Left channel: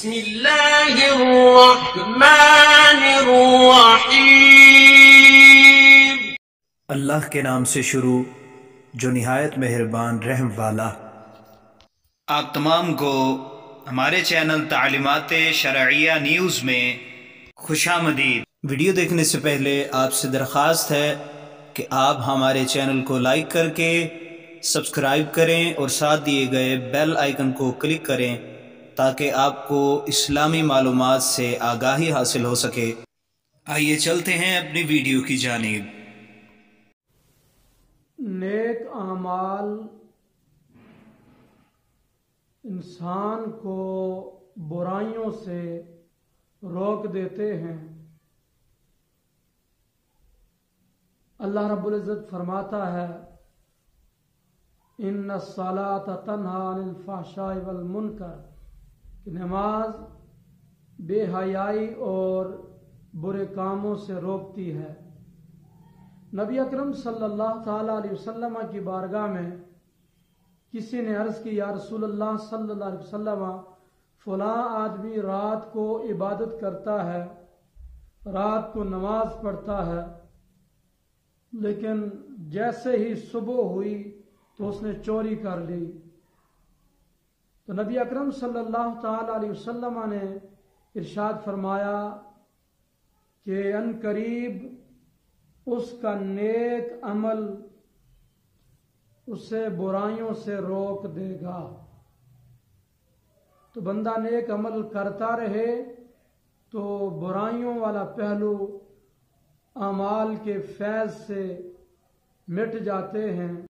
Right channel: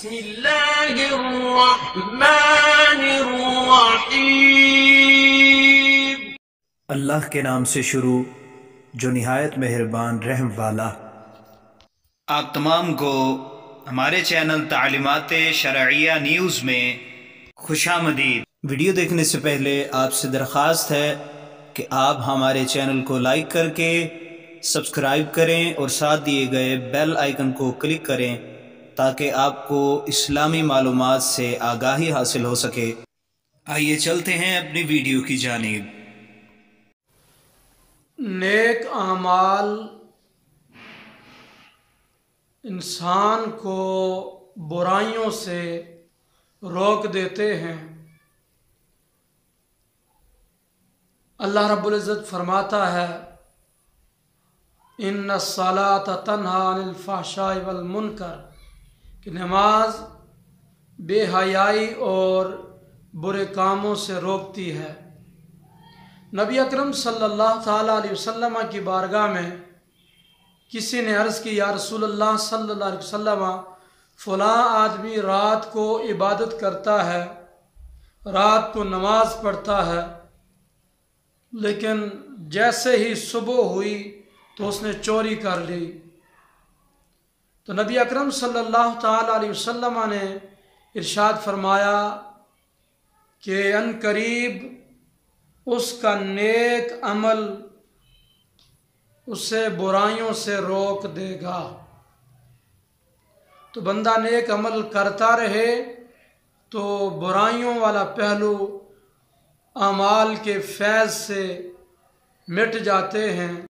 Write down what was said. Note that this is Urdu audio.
بسم اللہ الرحمن الرحیم۔ اللہ کے نام سے شروع جو نہایت مہربان رحم والا۔ آپ تمام کو ہمارے چینل تعلیمات شرعیہ نیوز میں خوش آمدید۔ ویڈیو دیکھنے سے پہلے آپ سے درخواست ہے کہ آپ ہمارے چینل کو لائک کر کے سبسکرائب کریں اور ساتھ دیے گئے بیل آئیکن کو کلک کریں تاکہ آپ کو اسلامی معلومات سے آگاہی حاصل ہو سکے۔ آئیے چلتے ہیں اپنی ویڈیو کی جانب۔ نیک اعمال انسان کو برائیوں سے روک دیتے ہیں۔ اللہ رب العزت فرماتا ہے ان الصلاۃ تنہی عن الفحشاء والمنکر، کہ نماز بے حیائی اور برے کاموں سے روکتی ہے۔ نبی اکرم صلی اللہ تعالیٰ علیہ وسلم کی بارگاہ میں کسی نے عرض کی یا رسول اللہ صلی اللہ علیہ وسلم، فلاں آدمی رات کو عبادت کرتا ہے، رات کو نماز پڑھتا ہے، لیکن جیسے ہی صبح ہوئی تو اس نے چوری کر لی۔ تو نبی اکرم صلی اللہ تعالیٰ علیہ وسلم نے ارشاد فرمایا کہ ان قریب اس کا نیک عمل اسے برائیوں سے روک دے گا۔ تو بندہ نیک عمل کرتا رہے تو برائیوں والا پہلو اعمال کے فیض سے مٹ جاتے ہیں۔